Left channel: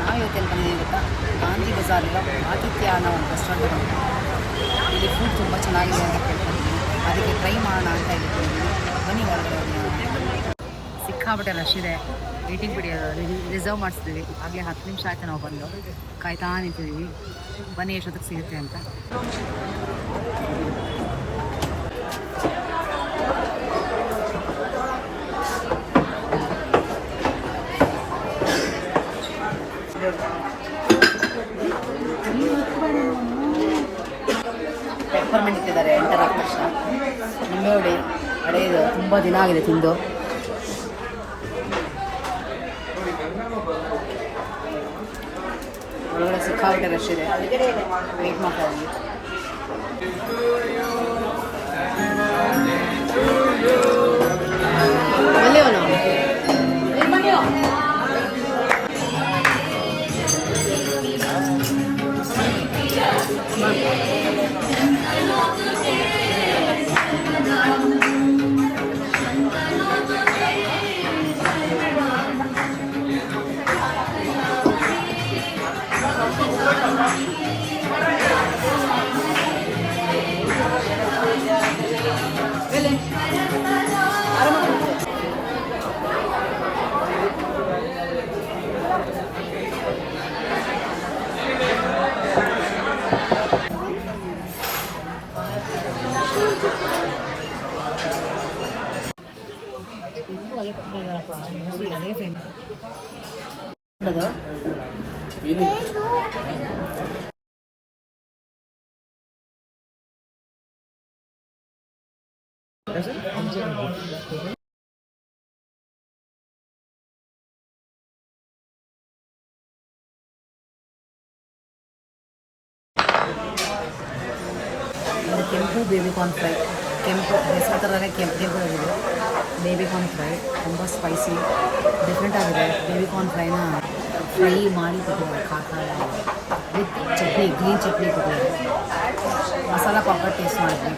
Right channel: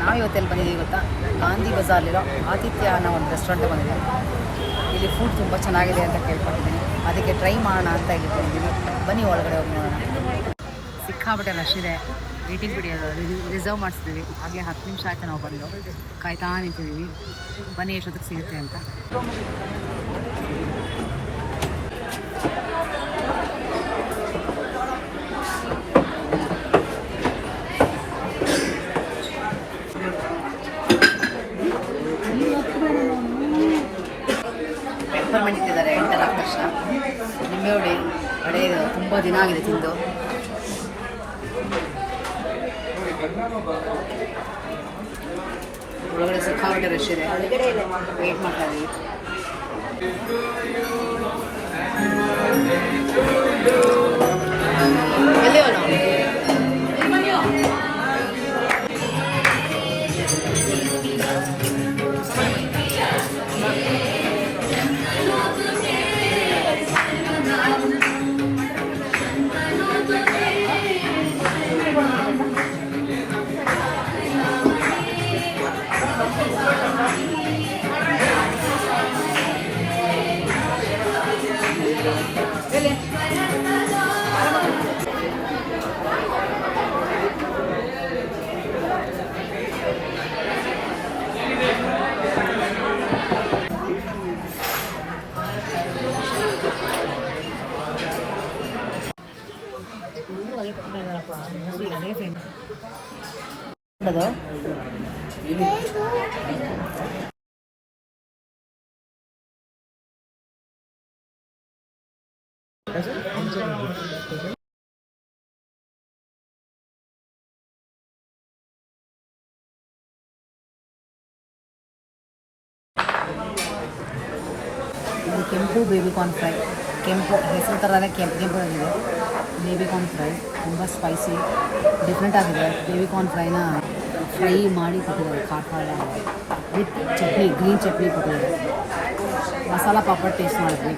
ನಾವು ಇವತ್ತೆಲ್ಲಿ ಬಂದಿದ್ದೀವಿ ಗೊತ್ತಾ? ಗಾಂಧಿ ಬಜಾರ್ಲಿರೋ ಆತಿಥ್ಯ ಅನ್ನೋ ಒಂದು ರೆಸ್ಟೋರೆಂಟ್ ಬಂದಿದ್ದೀವಿ. ಇಲ್ಲಿ ಫುಡ್ ತುಂಬ ಚೆನ್ನಾಗಿದೆ ಅಂತ ಕೇಳ್ಕೊಂಡಿದ್ದೀನಿ ಅದಕ್ಕೆ ಟ್ರೈ ಮಾಡೋಣ ಅಂತ ಇಲ್ಲಿ ಬಂದಿದ್ದೀನಿ ಬನ್ನಿ ಒಳಗಡೆ ಹೋಗಿ ನೋಡೋಣ. ಸಿಕ್ಕಾಬಿಟ್ಟೆ ರಶ್ ಇದೆ. ವೇಟಿಂಗ್ ಬಿಡಿ ರಿಸರ್ವ್ ಮಾಡಿಸ್ತೀವಿ ಆಗಲೇ ಹತ್ತು ನಿಮಿಷ ಆಯಿತು ನಾವು ಬಂದು. ಕಾಯ್ತಾ ನಿಂತಿದ್ದೀವಿ. ಬನ್ನಿ ಎಷ್ಟೊತ್ತಿಗೆ ಸಿಗುತ್ತೆ ಅಂತ. ಪೆಪ್ಪರ್ಮೆಂಟ್ ಇಟ್ಟಿದ್ದಾರೆ ಎಂಟರ್ ಆದ ತಕ್ಷಣ. ನಿಂಬೆ ಹುಡಿ ಅಡುಗೆ ತುಂಬ ದಿನ ಆಗಿದೆ ತಿಂದು. ಒಳಗಡೆ ಸಿಕ್ಕಾಪಟ್ಟೆ ರಶ್ ಇದೆ. ವೇಟ್ ಮಾಡ್ತಾ ಇದ್ದೀನಿ. ಅದು ಕೆಂಪು ಬೇಬಿ ಕಾರ್ನ್ ಫ್ರೈ ಕೆಂಪು, ಹೆಸರು ಥರನೇ ಕೆಂಪು ಕೆಂಪು ಆಗಿದೆ. ಬೇಬಿ ಕಾರ್ನ್ ಫ್ರೈ ತುಂಬ ಸ್ಪೈಸಿ ಡಿಫ್ರೆಂಟ್ ಆಗಿದೆ. ಬೇಬಿ ಕಾರ್ನ್ ಫ್ರೈನ ಫ್ರೈ ಮಾಡಿ ಕೊಟ್ಟಿದ್ದಾರೆ, ಖಾರ ಖಾರ ವಿತ್ ಚಟ್ನಿ ಗ್ರೀನ್ ಚಟ್ನಿ ಕೊಟ್ಟಿದ್ದಾರೆ. ಮಸಾಲ ಪಾಪಡ್ ಟೇಸ್ಟ್ ಮಾಡಿದ್ವಿ.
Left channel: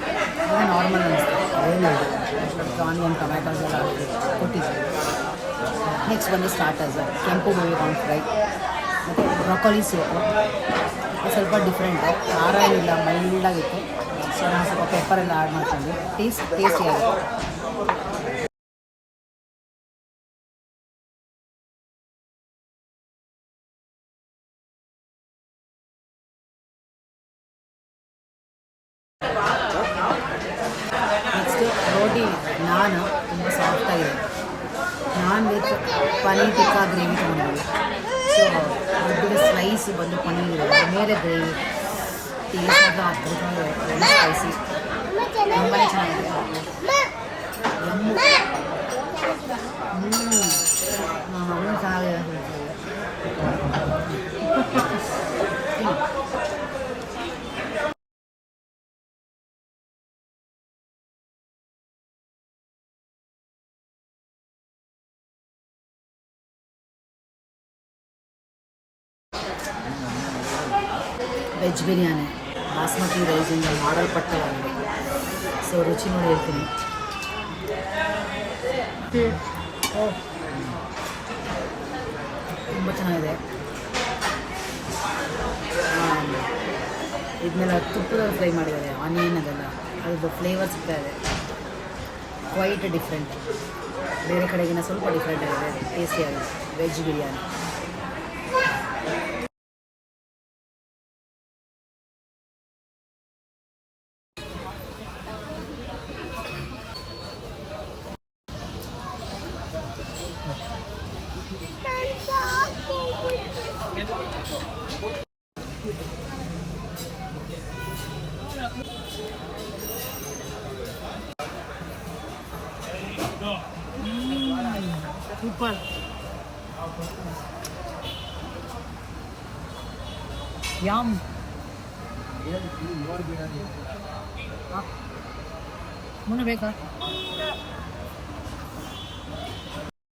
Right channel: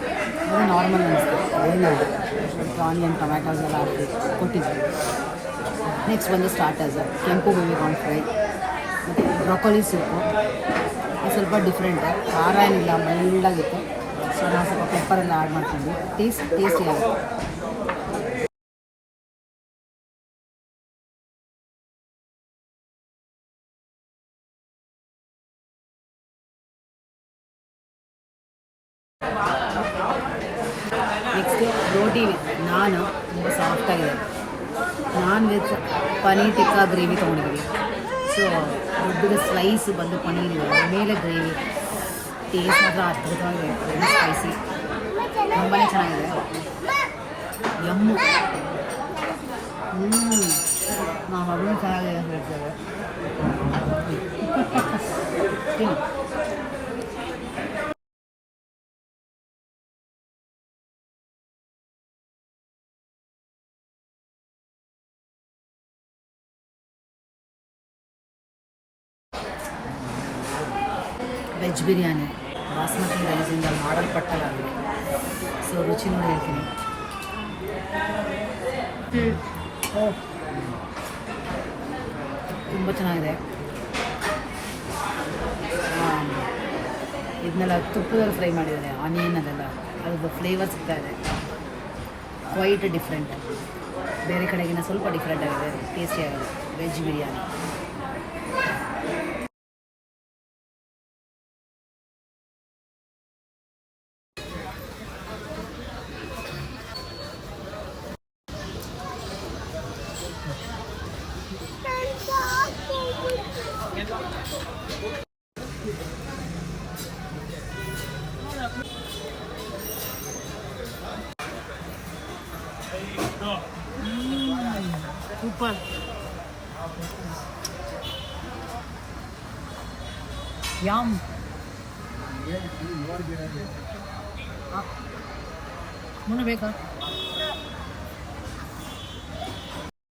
ಅದು ನಾರ್ಮಲ್ ಅನಿಸ್ತು ಏನು ಅದಕ್ಕೆ ಆನಿಯನ್ ಟೊಮ್ಯಾಟೋಸ್ ಎಲ್ಲ ಹಾಕಿ ಕೊಟ್ಟಿದ್ದೆ ನೆಕ್ಸ್ಟ್ ಬಂದು ಸ್ಟಾರ್ಟರ್ಸ್ ಕೆಂಪು ಬೇಬಿ ಕಾರ್ನ್ ಫ್ರೈ ಮತ್ತು ಬ್ರೊಕೊಲಿ ಸೂಪು. ಸ್ವಲ್ಪ ಡಿಫ್ರೆಂಟು ಖಾರ ಏನಿಲ್ಲ ಮೈಲ್ಡಾಗಿತ್ತು ಸೊ ನಾವು ಸ್ವಲ್ಪ ಪೆಪ್ಪರ್ ಎಲ್ಲ ಆ್ಯಡ್ ಮಾಡ್ಕೊಂಡು ಟೇಸ್ಟ್ ಟೇಸ್ಟಿಯಾಗಿತ್ತು ನೆಕ್ಸ್ಟು ರೋಟಿ ನಾನ್ ತುಂಬ ಸಾಫ್ಟಾಗಿದೆ ನಾನ್ ವೆಜ್ ಪನೀರ್ ಟಿಕ್ಕಾ ಗ್ರೇವಿ ತೊಗೊಂಡಿದ್ದೀವಿ. ಸೊ ದೊಡ್ಡದ ಸ್ಲೈಸ್ ಬಂದು ಪನೀರ್ ಇದೆ. ಮೇಲೆ ಗ್ರೇವಿ ಟೇಸ್ಟ್ ಮಾತ್ರ ಅದ್ಭುತವಾಗಿದೆ ವೆರಿ ಸ್ಪೈಸಿ ತುಂಬಾ ಚೆನ್ನಾಗಿದೆ ಎಮ್ಮು ಹ್ಞೂ ನಮ್ಮ ಮಗಳು ಚೆನ್ನಾಗಿದೆ ಅಂತ ಹೇಳ್ತೇವೆ ತಿನ್ನು. ವೆಜ್ ಬಿರಿಯಾನಿ ಬಾಸ್ಮತಿ ರೈಸಿಂದ ಮಾಡಲ್ಪಟ್ಟವಾಗಿದೆ ಸೊ ರುಚಿ ನೋಡಿ ಹೇಳ್ತೀನಿ. ತುಂಬ ಚೆನ್ನಾಗಿದೆ. ಇದನ್ನೆಲ್ಲ ತುಪ್ಪದಲ್ಲಿ ಫ್ರೈ ಮಾಡಿದ್ದಾರೆ, ಆನಿಯನ್ ಅದೆಲ್ಲ. ಅದ್ರದ್ದು ಫ್ಲೇವರ್ ಸಿಗ್ತಾ ಇದೆ. ಕ್ವೈಟ್ ಡಿಫ್ರೆಂಟ್ ಬೇರೆ ಕಡೆಗಿನ ಸ್ವಲ್ಪ ಡಿಫ್ರೆಂಟ್ ಆಗಿದೆ ಟೇಸ್ಟಿ ಆಗಿದೆ. Veg biryani. Super. Yum. Huh? Muna beka.